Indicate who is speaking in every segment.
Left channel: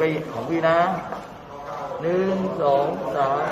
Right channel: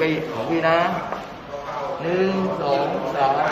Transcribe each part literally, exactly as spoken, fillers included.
Speaker 1: ไปของพี่นะหนึ่งสองสาม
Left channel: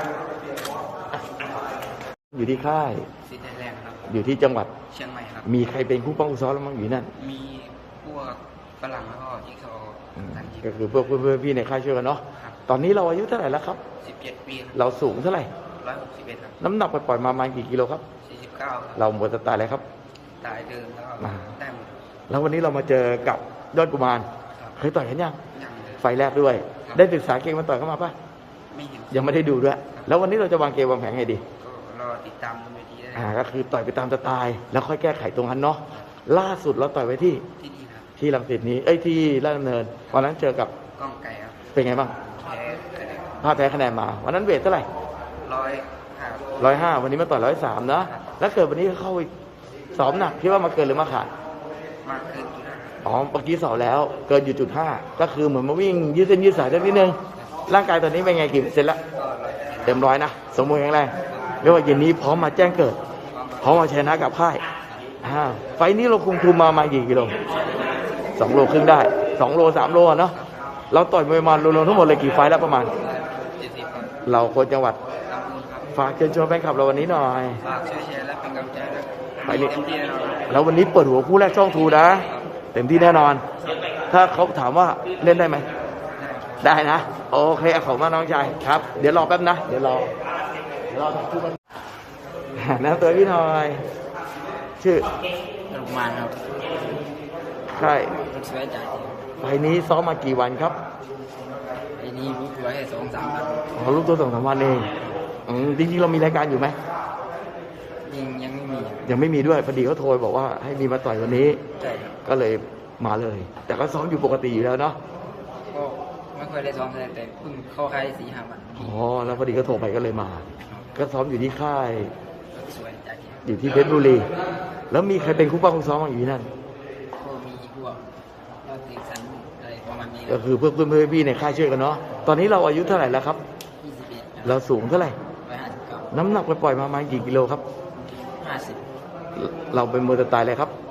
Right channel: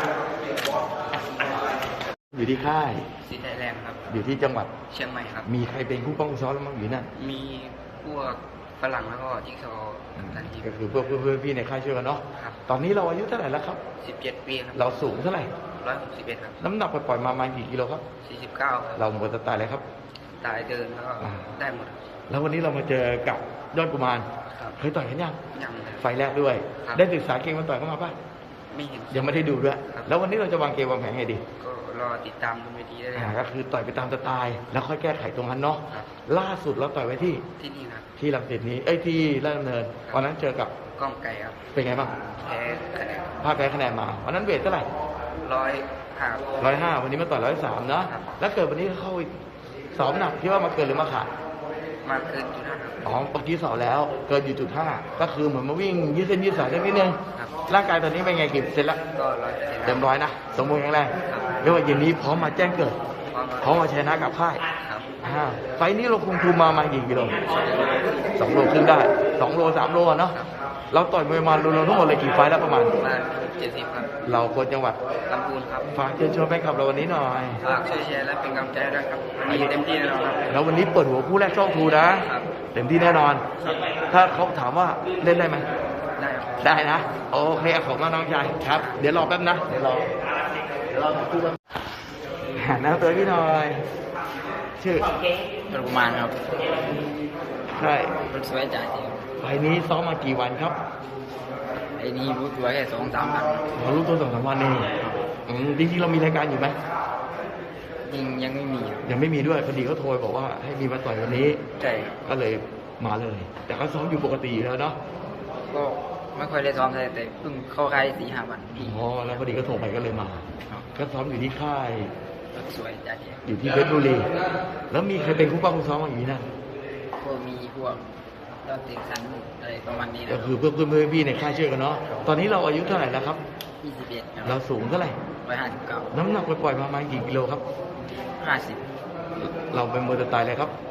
Speaker 1: อยู่ที่ค่าย
Speaker 2: สิทธิ์ไทยแลนด์ครับ
Speaker 1: อยู่ที่จังหวัด
Speaker 2: เชียงใหม่ครับ
Speaker 1: มีใครเป็นผู้ป้องกันซ้อมบ้างอยู่นั่น
Speaker 2: มีพวกฝรั่งแล้วก็ที่เขากันยิม
Speaker 1: ก็คือพวกเพื่อนๆพี่ในค่ายช่วยกันเนาะ
Speaker 2: ครับ
Speaker 1: ตอนนี้เราอายุเท่าไหร่แล้วครับ
Speaker 2: สิบเจ็ดปีครับ
Speaker 1: เราสูงเท่าไหร่
Speaker 2: ร้อยหกสิบเอ็ดครับ
Speaker 1: น้ำหนักปล่อยๆมาประมาณกี่กิโลครับ
Speaker 2: สี่สิบเก้าครับ
Speaker 1: เราหมดสไตล์เลยครับ
Speaker 2: ตายเดินแล้วก็ได้หมดครับ
Speaker 1: แล้ววันนี้เรามาเจอกับยอดกุมาร
Speaker 2: ครับ
Speaker 1: เคยต่อยกันยัง
Speaker 2: ยังเลย
Speaker 1: ไฟแรกด้วยได้ศึกษาเกมมาต่อยเข้ามาป่ะ
Speaker 2: ไม่เห็น
Speaker 1: ยังไม่ได้ดูด้วยแล้ววันนี้เราจะวางเกมวางแผนไงดี
Speaker 2: ก็รอติดตามบนเวทีได้เลย
Speaker 1: ก็คือต่อยไปตามสไตล์แล้วค่อยแก้ไขตรงนั้นเนาะล่าสุดเราต่อยไว้ที่
Speaker 2: ที่นี่ครับ
Speaker 1: ที่รังสิตนี้เอ้ยที่ราชดำเนินวันนั้นเจอกับ
Speaker 2: ก้องไก่ครับ
Speaker 1: เป็นไงบ้าง
Speaker 2: แพ้คะแนน
Speaker 1: ถ้าแพ้คะแนนมาวันนั้นเวทเท่าไหร่
Speaker 2: ร้อยห้า
Speaker 1: ร้อยห้าวันนี้มาต่อยร้อยสามนะแล้วเกิดวันนี้เข้าสองหนักคิดว่ามาเกินหรือมาขาด
Speaker 2: มาเกินจุดห้าครับ
Speaker 1: อ๋อเมื่อกี้สอบแล้วเกินอยู่จุดห้าก็คือเหมือนมาวิ่งยืดเส้นยืดสายเล็กนิดนึงร่างกายตอนนี้เป็นไงกี่เปอร์เซ็นต์แล้ว
Speaker 2: ก็ร้อย
Speaker 1: เต็มร้อยนะสมบูรณ์แข็งแรงเรียกว่าเย็นนี้พร้อมมาแจ้งเกิดพร้อมมาชนะกับค่ายไฟนี้เราคุมคุมมามากี่กิโลสองโลครึ่งได้สองโลสามโลเนาะเราต่อยมวยมารวมๆทั้งหมดเลยกี่ไฟแล้วประมาณ
Speaker 2: ประมาณเจ็ดสิบครับ
Speaker 1: เราคนจังหวัด
Speaker 2: ลำพูนครับ
Speaker 1: ฝากเชิญชวนไปขับเราวันนี้หน่อย
Speaker 2: ฝากช่วยแชร์และเป็นกำลังใจด้วยครับวันนี้เต็มที่แน่นอนครับ
Speaker 1: แล้ววันนี้เปิดหัวคู่แรกช่องทูนะเต็มที่แน่นอนถ้าเขาถามว่าเล่นได้ไหม
Speaker 2: ได้ครับ
Speaker 1: ได้นะโอเคขอบคุณน้องชายครับเดี๋ยวรอแป๊บนะเดี๋ยวรอรอนะเตยพี่หน่อยชื่อ
Speaker 2: ประมาณครับ
Speaker 1: ใช่
Speaker 2: รถสวยจ่าย
Speaker 1: ไอ้นี้ซ้อมมากี่วันครับ
Speaker 2: ไอ้นี้รู้ตัวแค่สองสามวัน
Speaker 1: เรารู้ตัวสองสามวันเองจริงๆเรามีรายการอยู่ไหม
Speaker 2: ยังยังไม่มี
Speaker 1: ยังไม่มีด้วยพอดีเขาโทรบอกว่าให้มีมาต่อยวันนี้
Speaker 2: ใช่ครับ
Speaker 1: ก็เลยมาเลยแต่ก็ซ้อมอยู่ปกติแล้วเนาะ
Speaker 2: ก็ไม่ค่อยได้ซ้อมแต่แต่เพิ่งเข้าค่ายสี่ห้าวัน
Speaker 1: อ๋อแล้วพอดีก็โทรไปก็เลยมาก็ซ้อมอยู่ที่ค่าย
Speaker 2: รถสวยจ่าย
Speaker 1: อยู่ที่เพชรบุรีแล้วมีใครเป็นคู่ป้องคู่ซ้อมอย่างนี้นั่น
Speaker 2: ก็มีพวกก็เตะสันอะไรประมาณนี้
Speaker 1: ก็คือเพื่อนเพื่อนพี่ในค่ายช่วยกันเนาะตอนนี้เราอายุเท่าไหร่แล้วครับ
Speaker 2: ยี่สิบเอ็ด
Speaker 1: เราสูงเท่าไหร่
Speaker 2: ร้อยห้าสิบเก้า
Speaker 1: น้ำหนักไปปล่อยมาประมาณกี่กิโลครับ
Speaker 2: ห้าสิบ
Speaker 1: เราเป็นมวยสไตล์อะไรครับ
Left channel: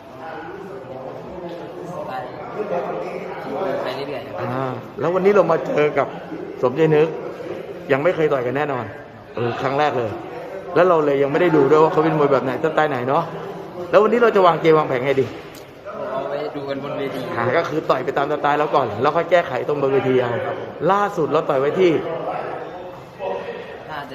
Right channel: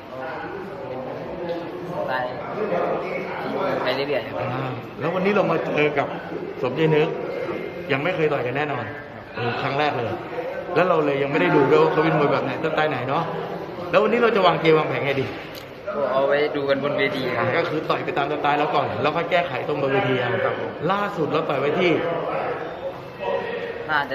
Speaker 2: สไตล์ไปเรื่อยๆครับ
Speaker 1: แล้ววันนี้เรามาเจอกับสมเด็จเนื้อยังไม่เคยต่อยกันแน่นอนเป็นครั้งแรกเลยแล้วเราเลยยังไม่ได้ดูด้วยว่าเขาเป็นมวยแบบไหนสไตล์ไหนเนาะแล้ววันนี้เราจะวางเกมวางแผนไงดี
Speaker 2: ก็เอาไว้ดูกันบนเวทีครับ
Speaker 1: ก็คือต่อยไปตามสไตล์แล้วก่อนแล้วก็แก้ไขตรงบนเวทีครับล่าสุดเราต่อยไว้ที่
Speaker 2: น่าจะ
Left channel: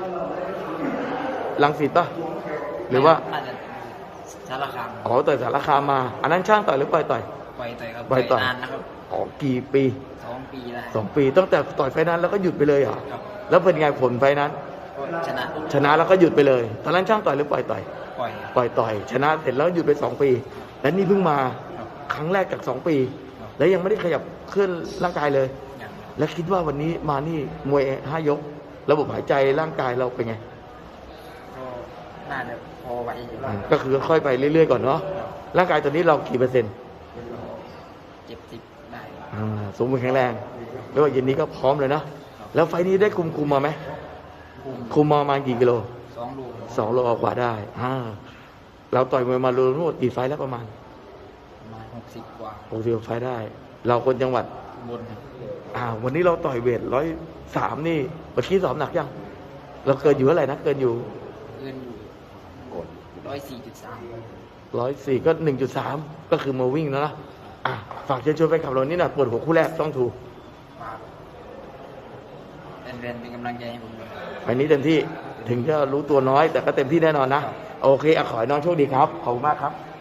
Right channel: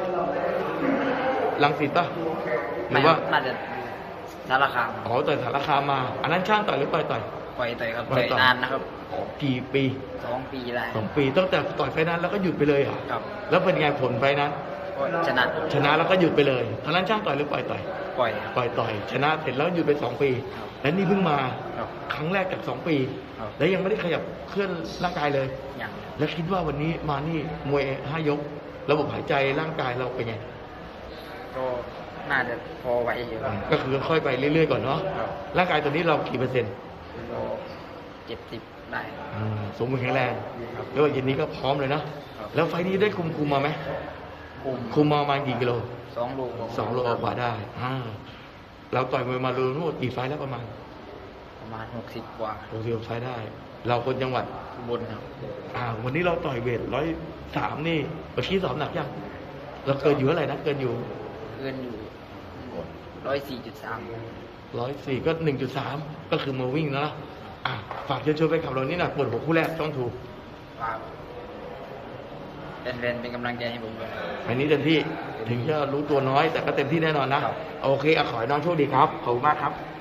Speaker 1: รังสิตป่ะหรือว่า
Speaker 2: น่าจะสารคาม
Speaker 1: อ๋อต่อยสารคามมาอันนั้นช่างต่อยหรือปล่อยต่อย
Speaker 2: ปล่อยต่อยครับต่อยนานนะครับ
Speaker 1: อ๋อกี่ปี
Speaker 2: สองปีได้
Speaker 1: สองปีตั้งแต่ต่อยไฟนั้นแล้วก็หยุดไปเลยเหรอ
Speaker 2: ครับ
Speaker 1: แล้วเป็นไงผลไฟนั้น
Speaker 2: ก็ชนะ
Speaker 1: ชนะแล้วก็หยุดไปเลยตอนนั้นช่างต่อยหรือปล่อยต่อย
Speaker 2: ปล่อย
Speaker 1: ปล่อยต่อยชนะเสร็จแล้วหยุดไปสองปีแล้วนี่เพิ่งมาครั้งแรกจากสองปีแล้วยังไม่ได้ขยับเคลื่อนร่างกายเลยแล้วคิดว่าวันนี้มานี่มวยห้ายกระบบหายใจร่างกายเราเป็นไง
Speaker 2: ก็น่าจะพอไหวอยู่แล้ว
Speaker 1: ก็คือค่อยไปเรื่อยๆก่อนเนาะร่างกายตอนนี้เรากี่เปอร์เซ็นต์
Speaker 2: ก็เจ็ดสิบได้
Speaker 1: สมบูรณ์แข็งแรงแล้วเย็นนี้ก็พร้อมเลยนะแล้วไฟนี้ได้คุมคุมมาไหม
Speaker 2: คุม
Speaker 1: คุมมาประมาณกี่กิโล
Speaker 2: สองโล
Speaker 1: สองโลกว่าได้เราต่อยมวยมาโดนทั้งหมดกี่ไฟแล้วประมาณ
Speaker 2: ประมาณหกสิบกว่า
Speaker 1: หกสิบใช้ได้เราคนจังหวัด
Speaker 2: บนครับ
Speaker 1: อ้าววันนี้เราต่อยเวทร้อยสามนี่เมื่อกี้สอบหนักยังเราเกินอยู่อะไรนะเกินอยู่
Speaker 2: เกินอยู่ร้อยสี่จุดสาม
Speaker 1: ร้อยสี่ก็หนึ่งจุดสามก็คือมาวิ่งนะฝากเชิญชวนไปขับรถนี่นะปวดหัวคู่แรกต้องถูก
Speaker 2: ฝากเป็นเป็นกำลังใจให้ผมด้วย
Speaker 1: วันนี้เต็มที่ถึงจะรู้ตัวน้อยแต่ก็เต็มที่แน่นอนนะโอเคขอให้น้องโชคดีครับขอบคุณมากครับ